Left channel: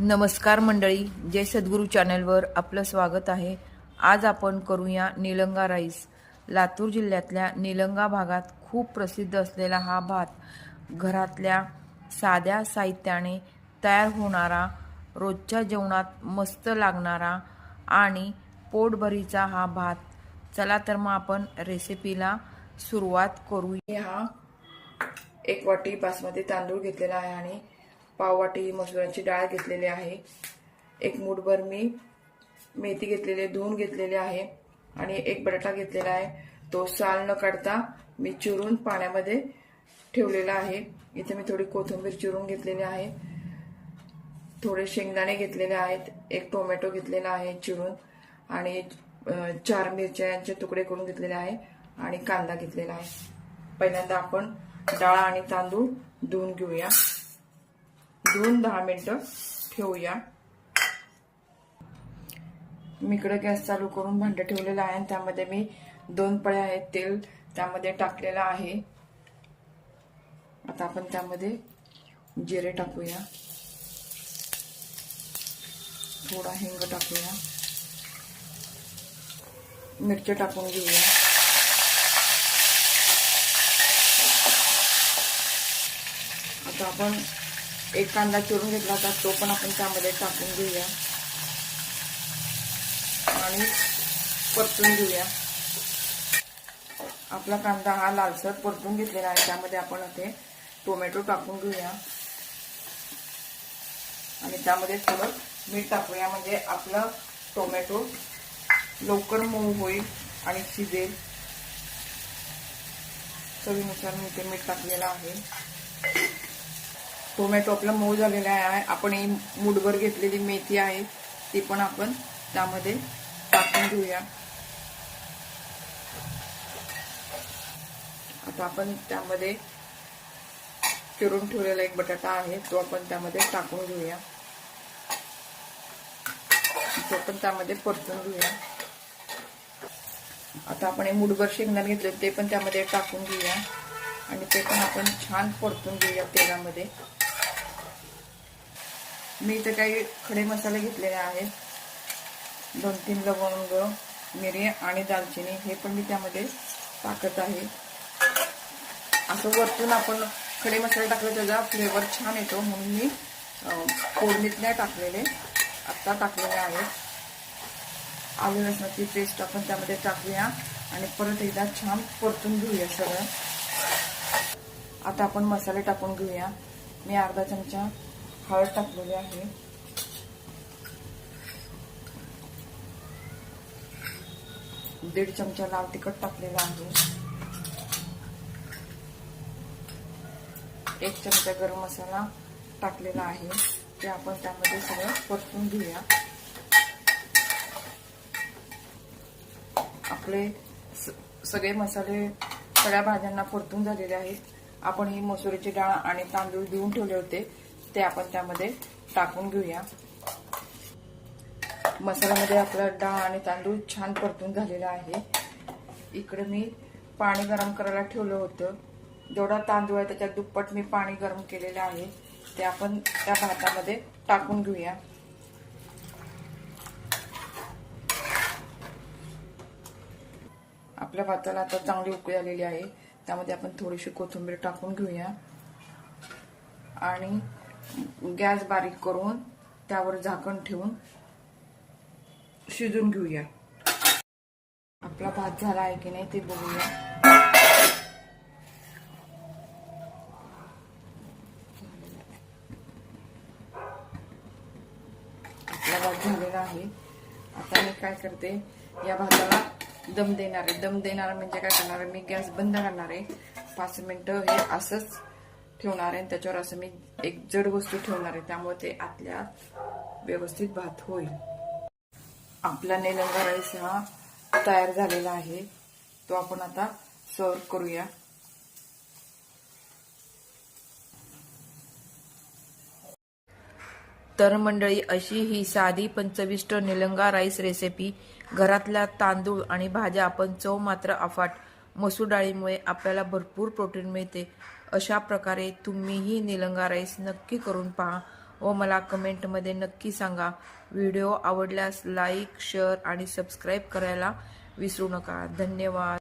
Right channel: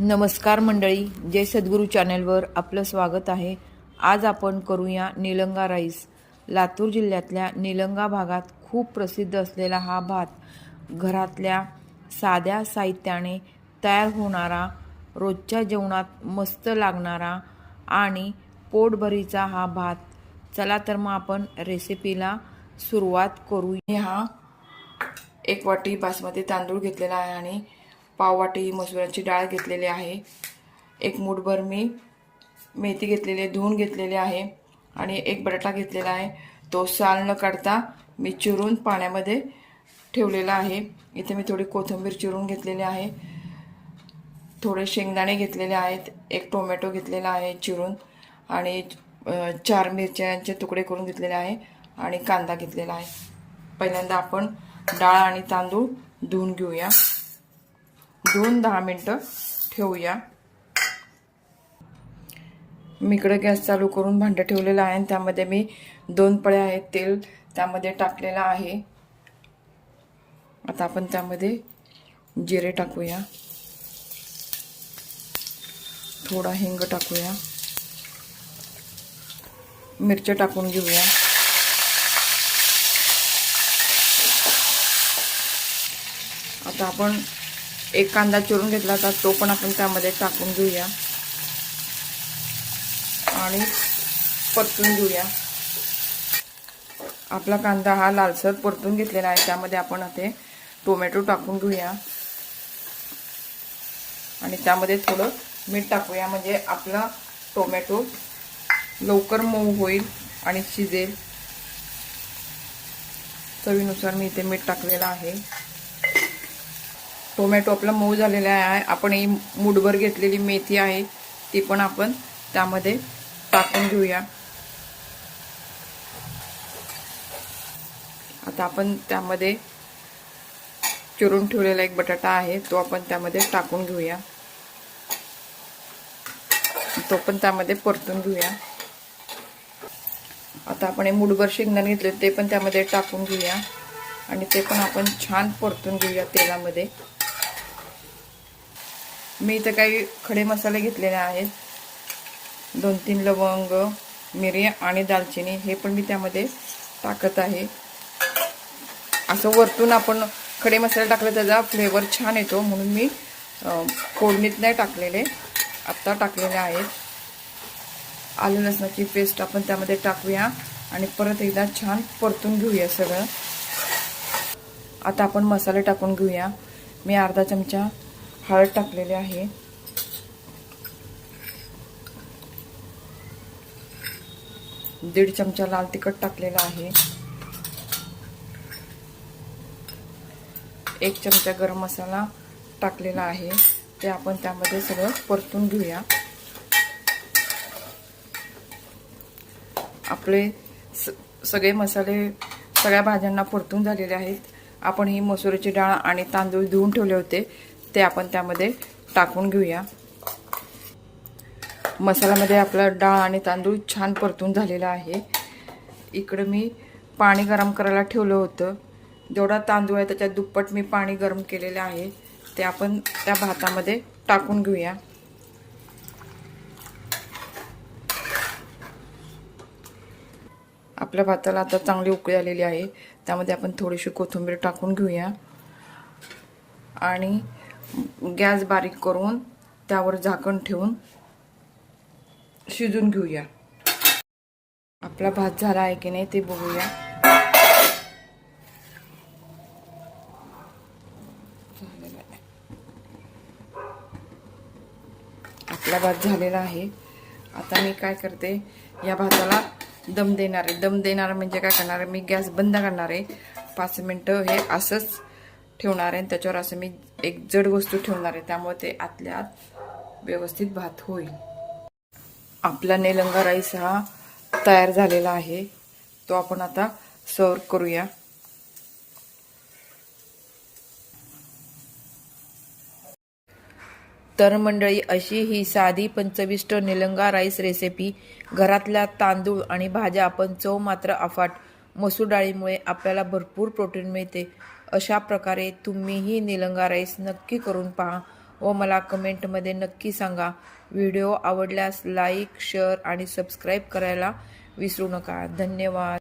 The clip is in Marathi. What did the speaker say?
नमस्कार मंडळी, जय सद्गुरू चॅनलवर आपलं स्वागत आहे। आज आपण करूया निलंगा राईस। लातूर जिल्ह्यातल्या निलंगा भागात खूप प्रसिद्ध असलेला हा भात घरातल्या साध्या साहित्याने तयार होणारा, रोजच्या जेवणात मस्त लागणारा आणि पोटभरीचा हा भात। चला तर मग आपण रेसिपीला सुरुवात करूया। हा 1 वाटी बासमती तांदूळ घेतलेला आहे आणि पाव वाटी मसुराची डाळ घेतलेली आहे। 1 मूठभर मी मेथी घेतलेली, धुवून घेतलेली आहे आणि 1 बटाटा घेतलेला आहे। तो साल न काढता मी चिरून पाण्यामध्ये ठेवलेला आहे। इथे मी थोडी कोथिंबीर चिरून घेतलेली आहे, थोडे शेंगदाणे घेतलेले आहेत, 1 टोमॅटो घेतलेला आहे चिरून आणि 4 मिरच्यांचे तुकडे करून घेतलेले आहे आणि कांदा घेतलेला आहे। पहिल्यांदा आपण डाळ आणि तांदूळ धुवून घेऊया, धुवून 10 मिनिटं ठेवूया। मी इकडे गॅस चालू करून भांडं ठेवलेलं आहे आणि त्यामध्ये मी 2 पळ्या आहेत तेल त्यामध्ये टाकलेलं आहे। आता आपण त्यामध्ये जिरे टाकूया, थोडा हिंग टाकूया, मिरची टाकून घेऊया। आता आपण 1 कांदा चिरून घेतला होता तो पण आपण त्यामध्ये टाकून घेऊया आणि परतून घेऊया। आपला कांदा हा लालसर परतून घेतलेला आहे, त्यामध्ये आपण आता टोमॅटो टाकून घेऊया आणि त्यामध्ये थोडं मीठ टाकूया, म्हणजे आपला टोमॅटो लवकर मऊ होईल आणि शिजेल। चवीनुसार मी इथे मीठ टाकलेलं आहे। टोमॅटो आपला मऊ झालेला आहे। आपण ही मूठभर घेतलेली मेथी आहे ती पण आपण त्यामध्ये टाकून घेऊया। आता आपण त्यामध्ये चिरून ठेवलेला 1 बटाटा आहे तो आपण त्यामध्ये टाकून घेऊया, तो पण त्यामध्ये परतून घेऊया। आता आपण हे मूठभर शेंगदाणे घेतले ते पण त्यामध्ये टाकून घेऊया आणि ते पण आपण छान परतून घेऊया तेलामध्ये। मी इथे काही खडे मसाले घेतलेले आहेत, 2-3 लवंग, मिरी आणि दालचिनी, हे पण मी त्यामध्ये टाकत आहे। असं वरतून आपण खडे मसाले टाकले त्याचा फ्लेवर छान येतो, म्हणून मी फोडणीत नाही टाकलेले, आता टाकलेले आहेत। आलं लसणाची पेस्ट आपण त्यामध्ये टाकूया आणि परत एकदा छान परतून घेऊया सगळं। आता आपण मसाले टाकून घेऊया। मी अर्धा चमचा हळद टाकलेली आहे, 1.5 चमचा लाल तिखट टाकलेला आहे, 1 चमचा गरम मसाला टाकलेला आहे, ते आपण त्यामध्ये सगळं परतून घेऊया। आपले सगळे मसाले सगळ्या भाज्यांना परतून झालेले आहेत। आपण ही मसुराची डाळ आणि तांदूळ धुवून ठेवले होते ते आपण त्यामध्ये टाकून घेऊया। मसाल्यामध्ये आपला डाळ आणि तांदूळ छान परतून झालेला आहे। इकडे मी पाणी गरम करायला ठेवलं होतं, जेवढा तांदूळ आहे त्याच्या दुप्पट मी पाणी गरम केलेले आहे, ते आपण त्या भातामध्ये टाकून घेऊया। आपल्या भाताला आता चांगली उकळी आलेली आहे, त्यामध्ये आपण थोडीशी कोथिंबीर टाकून घेऊया आणि गॅस बारीक करून त्यावर झाकण ठेवून शिजून घेऊया। आपला भात झाला आहे की नाही ते बघूया। आपला भात झालेला आहे। आता मी काय करते, या भाताला दम देणार आहे। दम देणार म्हणजे काय करणार आहे, मी गॅस बंद करणार आहे, 5 मिनिटं हे असंच ठेवणार आहे। त्याच्यावर असं मी एक जड वस्तू ठेवणार आहे, त्यामुळे ते आतल्या आत व्यवस्थित भात होईल। आपला निलंगा राईस हा तयार झालेला आहे, तो आपण आता सर्व करूया। तर मंडळी, अशी ही साधी पण चविष्ट निलंगा राईस रेसिपी, घरातल्या तांदूळ आणि भाज्या आपण चव मात्र अफाट, मसूर डाळीमुळे आपल्याला भरपूर प्रोटीन मिळते। अशा प्रकारे तुम्हीही निलंगा राईस नक्की करून पहा। व मला कमेंटमध्ये नक्की सांगा. व्हिडिओ आवडल्यास लाईक, शेअर आणि सबस्क्राईब करायला विसरू नका. धन्यवाद.